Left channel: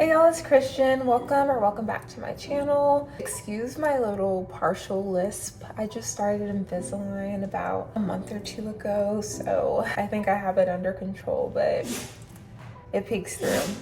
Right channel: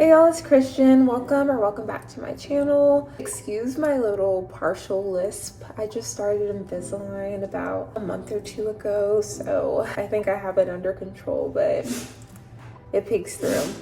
Hey y'all, it's Christian. Welcome back to my channel. Excuse my little partial lisp. I just started Invisalign about a month or two ago, so I think I have it under control, but it peeks through.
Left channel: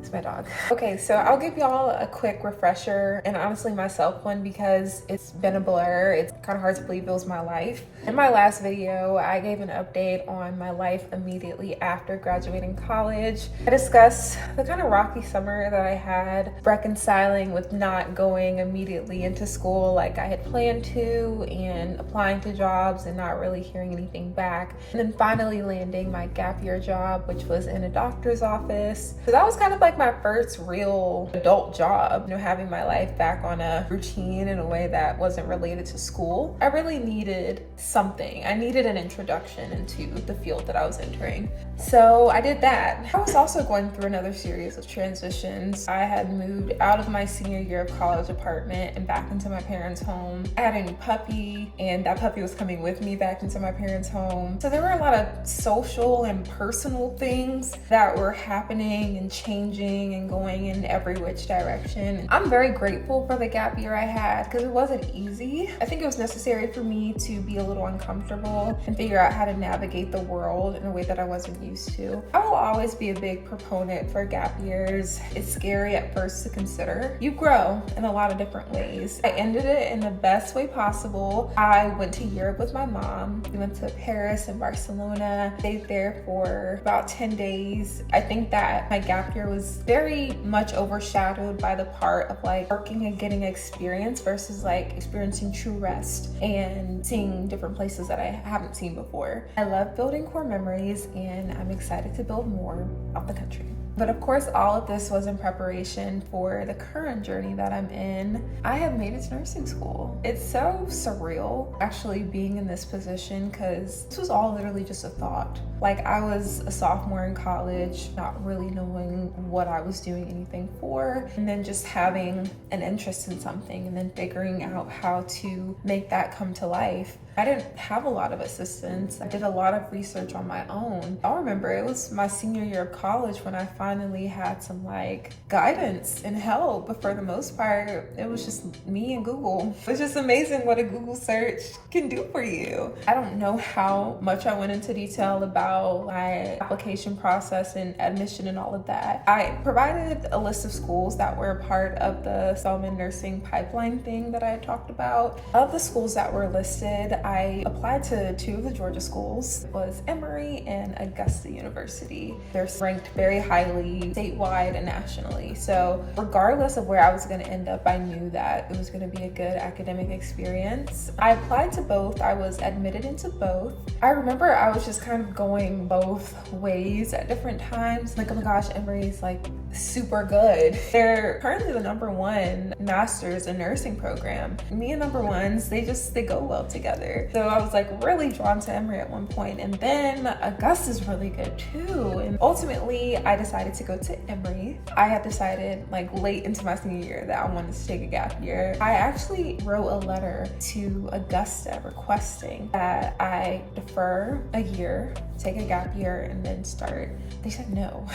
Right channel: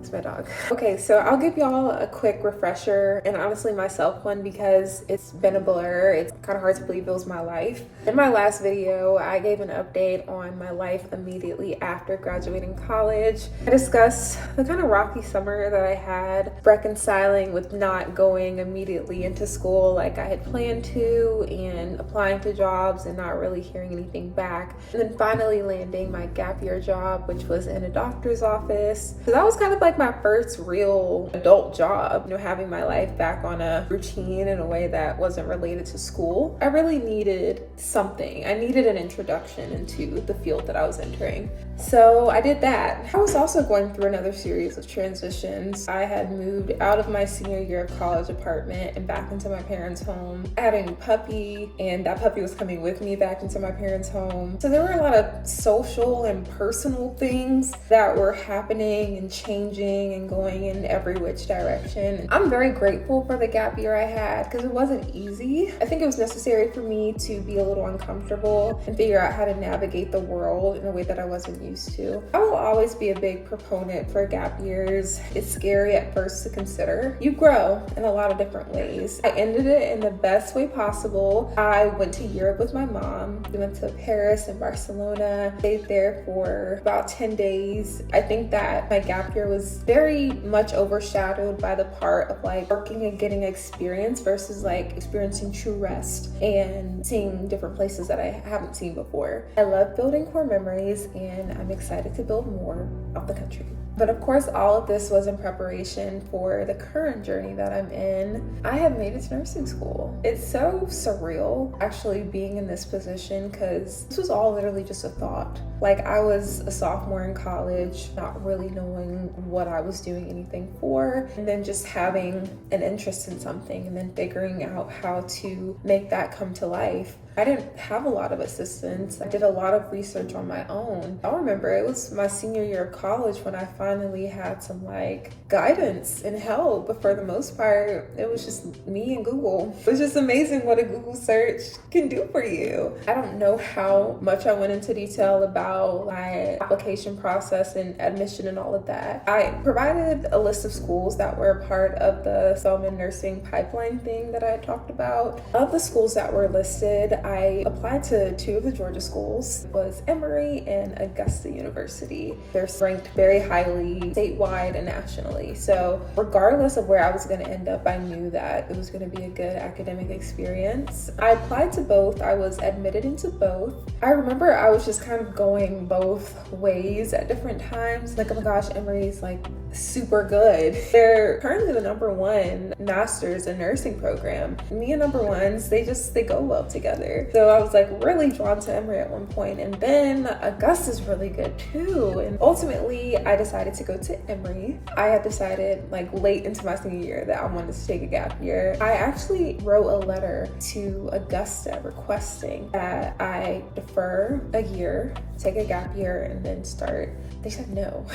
It's my dog. Okay, so I'll give y'all a quick refresher, and honestly myself one, because it's been a blur. It's kind of hard to believe it was my life. In my last video, I gave an update on my life immediately after graduating college. I discussed the kind of rocky summer that I had, reconciling with not going immediately into school like I had planned to, and applying to jobs and not really hearing anything back. And then finally landing my gap year job, which was in a doctor's office. So that was kind of like my first real adult job, having my life back on a routine in a way that wasn't related to school. I really needed something. I needed an introduction into the field that I was entering. So I did that. I was also going through another series of transitions. I had moved out of my senior year of college apartment and back into my parents' home. I had a new puppy, and that puppy was coming with me back into my parents' home. So there were a lot of social and personal things that were happening and changing and going in every which direction. I'm very grateful for the gap year I had, because it wasn't easy. I think it was necessary for me to be a little uncomfortable and figure out how to navigate the world in a way that I wasn't used to. I will always be a big proponent for gap years. It's scary at first to consider. You grow in a lot of different ways. I ended it in the best way possible. I went to Europe with my mom. We went to Paris and Barcelona, stayed there for about 10 days. I think that my gap year was very much overshadowed by the part of like working and getting experience versus like experiencing true rest and seeing different places that I haven't seen before. I love building core memories, and I'm excited to build more out the country. But of course, all of this was in preparation for the current journey that I'm in. I have made it to nursing school. It's so surreal actually being in this position, because this was all literally just a thought. Like, I was a sophomore in college, not really knowing what I was doing anything for, and then just having an interest in something and then figuring out how to make that come to life. I didn't have a lot of assistance. I did a lot of research on my own. I'll remember it was my senior year of college when I finally had some like guidance and help, but for the most part, it was just me and Google. It's just amazing what a Google search can do for you. I don't know how much I went into detail about my application process and admission and all of that. I provided a list of schools that were a part of the Spelman nursing pipeline thing that I had talked about. Of the schools that were listed, I applied to two of the Georgia schools. It was Emory and Augusta University. They're ranked very highly statewide and nationally. So regardless of where I was going to end up, I knew that it was going to be a good academic experience. I applied to both. I was admitted into both. I remember I was just kind of going both ways at different times. Like, oh my gosh, Emory's like super good. They're currently the #1 master's in nursing program. Me and number ones, they go well together. So I was like really drawn to Emory at one point, and then Augusta's really good too. And ultimately I decided to go to Emory. I had decided like late into my senior year that I wanted to take a gap year. I actually wrote a letter to Augusta requesting that I defer a year, take a gap year, and then start. They said no.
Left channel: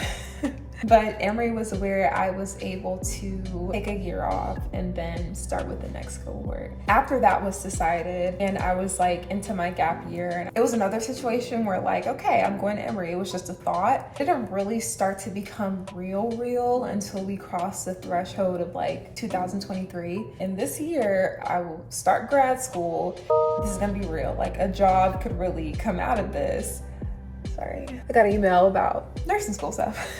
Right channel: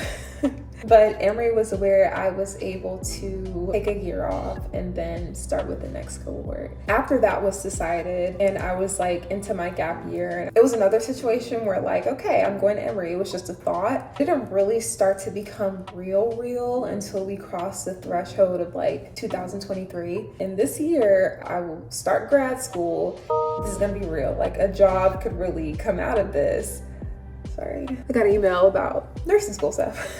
But Emory was where I was able to take a year off and then start with the next cohort. After that was decided and I was like into my gap year, and it was another situation where like, okay, I'm going to Emory. It was just a thought. It didn't really start to become real until we crossed the threshold of like 2023. And this year I will start grad school. This is gonna be real. Like, a job could really come out of this. Sorry, I got an email about nursing school stuff.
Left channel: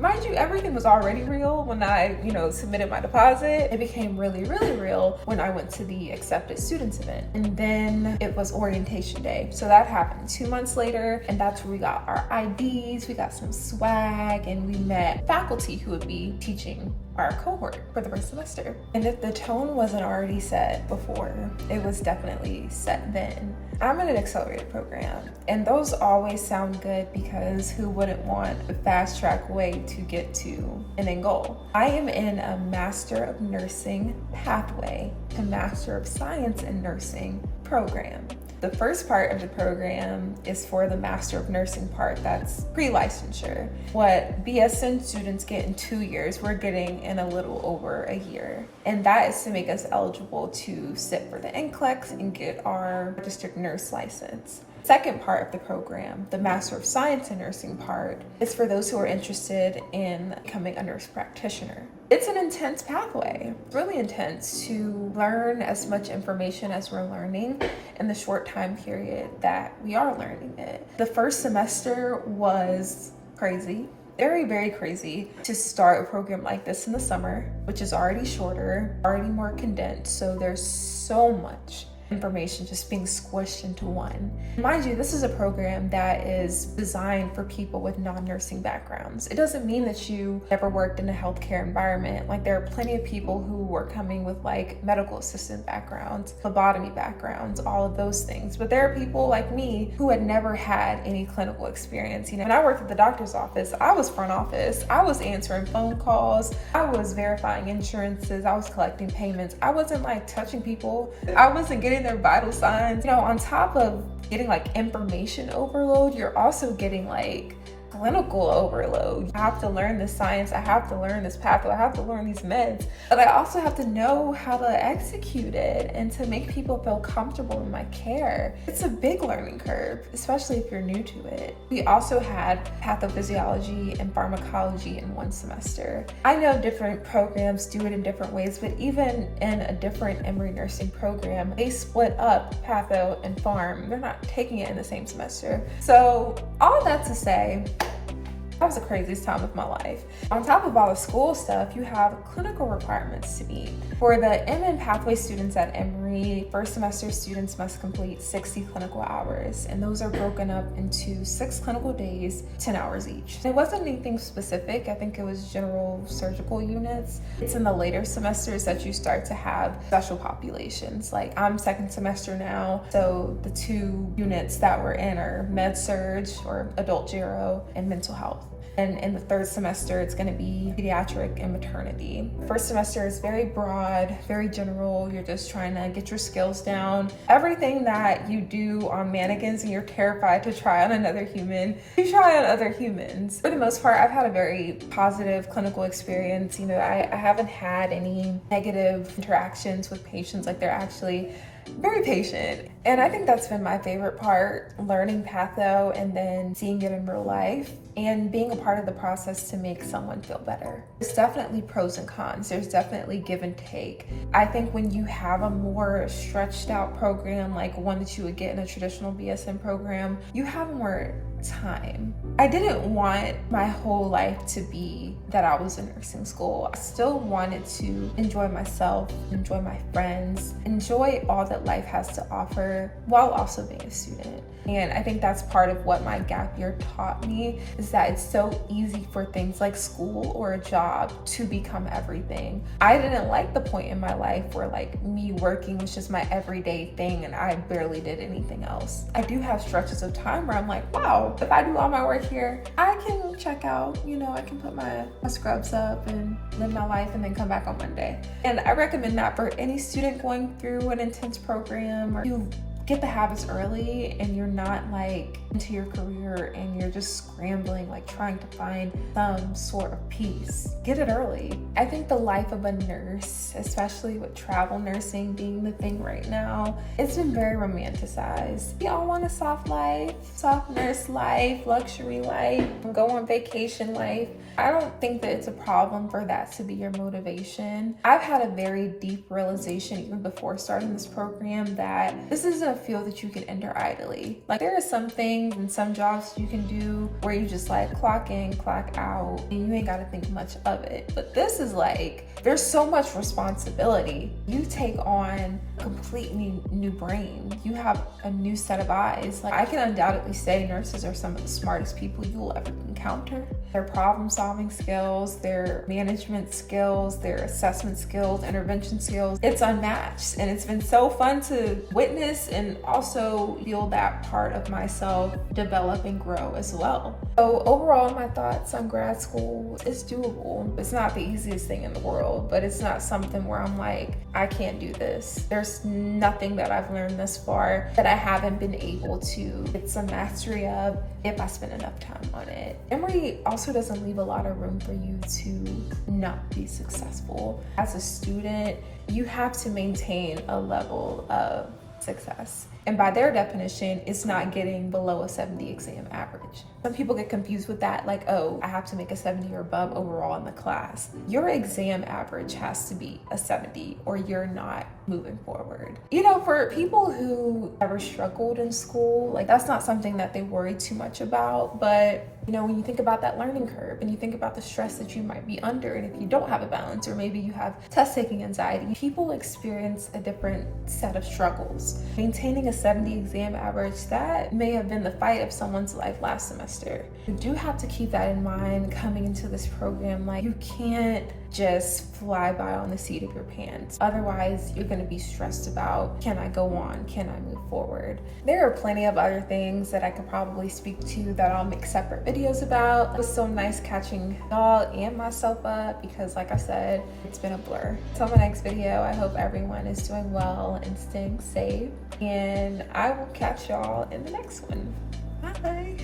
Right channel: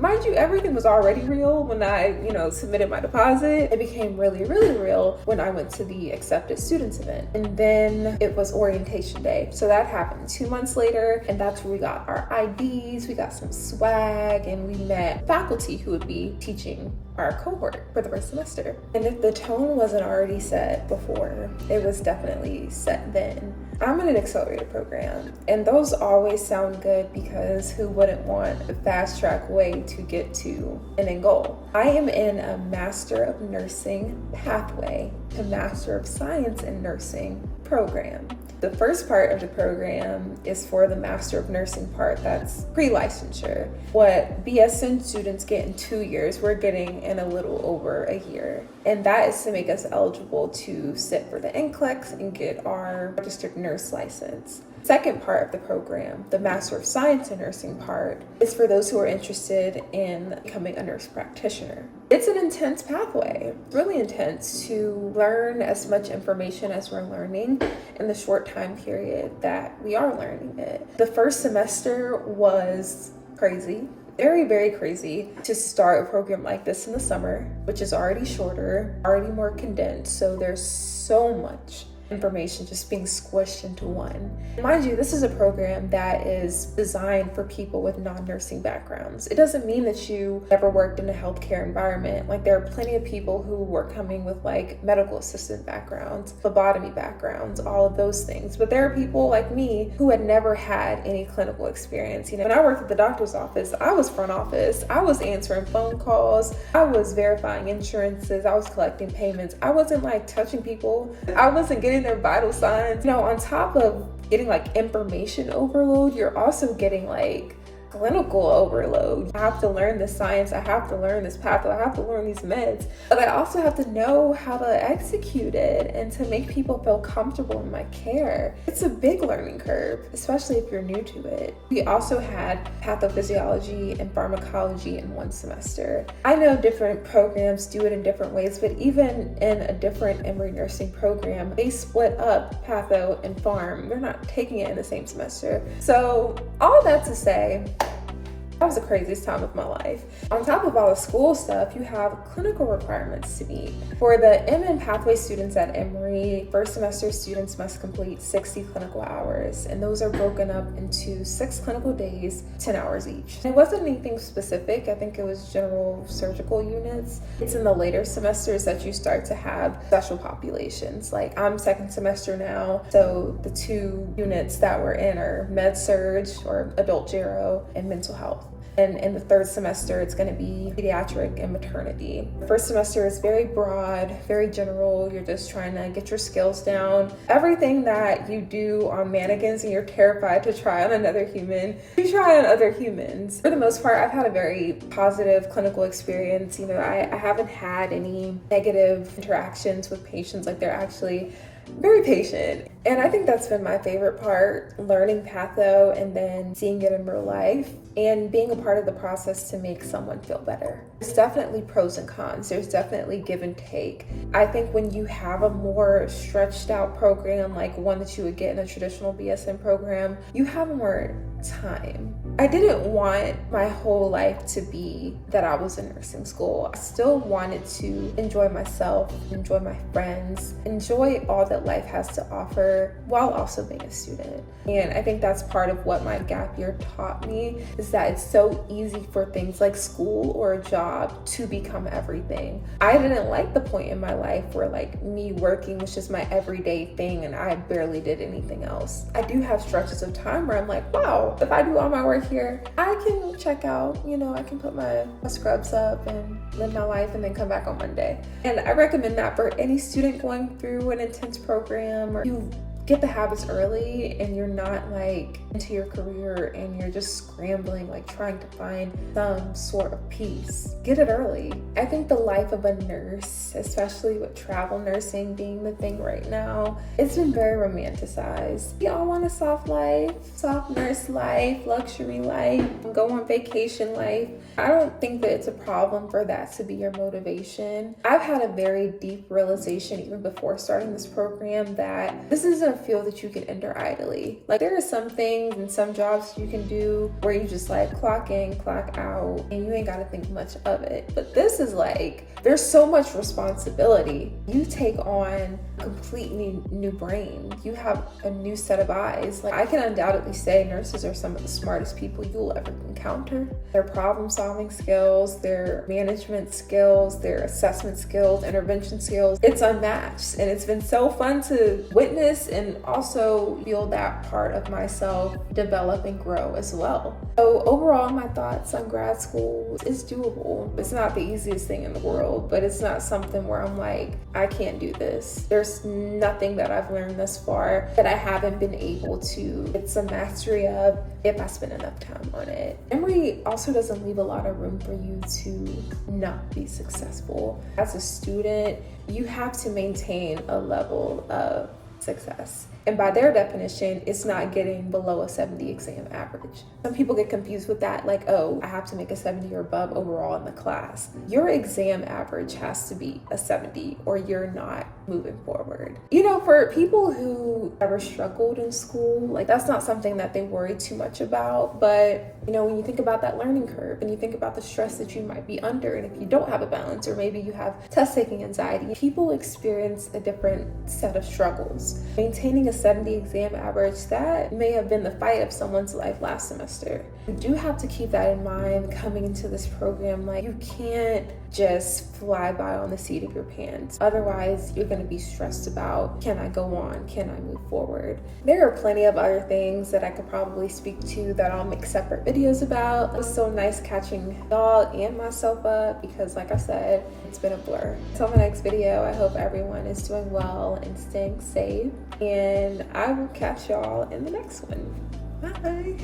Mind you, everything was already real when I, submitted my deposit. It became really, really real when I went to the accepted students event. And then it was orientation day. So that happened 2 months later, and that's where we got our IDs, we got some swag, and we met faculty who would be teaching our cohort for the first semester. And if the tone wasn't already set before, it was definitely set then. I'm in an accelerated program, and those always sound good because who wouldn't want a fast track way to get to an end goal? I am in a Master of Nursing pathway to Master of Science in Nursing program. The first part of the program is for the Master of Nursing part, that's pre-licensure. What BSN students get in 2 years, we're getting in a little over a year. And that is to make us eligible to sit for the NCLEX and get our registered nurse license. Second part of the program, the Master of Science in Nursing part, is for those who are interested in becoming a nurse practitioner. It's an intense pathway, really intense to learn as much information as we're learning in the short time period that we are learning it. The first semester was crazy. Very, very crazy to start a program like this in the summer, which is already shorter, already more condensed. So there's so much information just being squished into one. Mind you, this is a program that is designed for people with non-nursing backgrounds. It doesn't mean that you never worked in a healthcare environment. Like, there are plenty of people who were coming with like medical assistant backgrounds, phlebotomy backgrounds, all of those things. But there are people like me who had never had any clinical experience. You know, when I worked at the doctor's office, I was front office. I was answering phone calls. I was verifying insurances. I was collecting payments. I wasn't like touching people. I wasn't getting their vital signs. You know, on top of getting like information overload, you're also getting like clinical overload. I have to learn this science, I have to learn this pathway, I have to learn these meds, but I also have to know how to execute it and to make people feel comfortable in my care. It's a big learning curve, especially if you're new to it. We also had pathophysiology and pharmacology in one semester. I know different programs do it in different ways, but even in a different Emory nursing program, they split up patho and pharm. They're not taking it in the same semester. So all that to say, that was the craziest time of my life. On top of all the school stuff, you have clinical requirements to meet. For the MN pathway students at Emory, first semester students must complete 60 clinical hours, and those are broken up into 6 clinical days, 10 hours each. It wasn't anything specific. I think it was general surgical units. It's in the later semesters that you start to have special populations. Like, I'm second semester now, so the 2 units that we're in are med surg or adult gero and mental health. And in the third semester, it's going to be pediatric and maternity. First semester is very broad, very general. You're just trying to get your skills down. Everything that you do on mannequins and you're terrified to try on another human, you try on other humans. For the most part, I've had a very positive clinical experience. You know, I haven't had any negative interactions with patients. Like, they're actually very patient. And I think that's been my favorite part, learning patho and then seeing it in real life and being a part of the process to make someone feel better. There's definitely pros and cons. There's definitely give and take. I think when you have a more stretched out program, like one that you would get in a traditional BSN program, you have more time. I didn't want my whole life to be that I was in nursing school. I still wanted to enjoy myself, enjoy my friends, enjoy all that life has to offer while also being a student. And I think that's part of what my gap year taught me, is that it's so easy for things like school or a job to become everything. I didn't like the point in my life where like me working was just my everyday thing and I barely did anything else. I do have stretches of time where I'm like, wow, if I do all my work here, I can check out, you know, I can put my scrubs up and live my life and then come back on Monday. And I recommend that for any student going through an intense program, or you get the habits early and you're not like into your career and you're just scrambling, like trying to find some sort of peace. Get it early. I think the life of a nurse, especially with travel nursing being the thing right now, it's been very romanticized. We all want a soft life, soft nurse life, luxury life, go on vacation life. I don't think that it's a problem for that to be your motivation. I've had a very deep realization even before starting this program that this isn't a field that you can enter idly. Like, there are some things and some jobs you can do where you just like clock in, clock out, and you ain't got to think much of it. But this is like, there's so much responsibility. You take on a completely new brain. You have a new set of eyes. Like, I can undoubtedly say nurses are some of the smartest people you will ever encounter. Their problem solving skills, their management skills, their assessment skills, intervention skills, it's unmatched. And it's been so fun to witness and and also feel that part of myself develop and grow as well. So overall, my thoughts on grad school is doable. It's not the easiest thing in the world, but it's not something where I'm like, I can't do this. There's nothing that I've learned thus far that I haven't been able to get some mastery of if I spend enough time on it. Emory also doesn't leave a lot of room for you to not be successful. As a student, you have to maintain a level of success. And by their definition, it's not getting below a 70 exam average. Some people get confused with that, like, oh, I have to make a 70 or above overall in the class. Your exam average has to be a 70 or you're not moving forward. You know, for people who ever struggled in school, like that's not something that they worry too much about. But, you know, when you think about that learning curve and you think about the stress that you might be under, and if you don't have a balance or maybe you have test taking anxiety, people experience a different set of struggles. Maintaining a 70 exam average, that may have been the fight of someone's life last semester. You do have to keep that in mind coming into this program. Like, you can't just fly by on the seat of your pants. Otherwise, you're going to be stressed about, can I go on? Can I move forward? There are plenty of other things that I could probably speak to that I'll make separate videos about. It was so nice catching y'all and myself up because, like I said, it's been a blur. Until my next video, I hope everyone is doing well and staying safe. And I will catch y'all in the next one. Bye.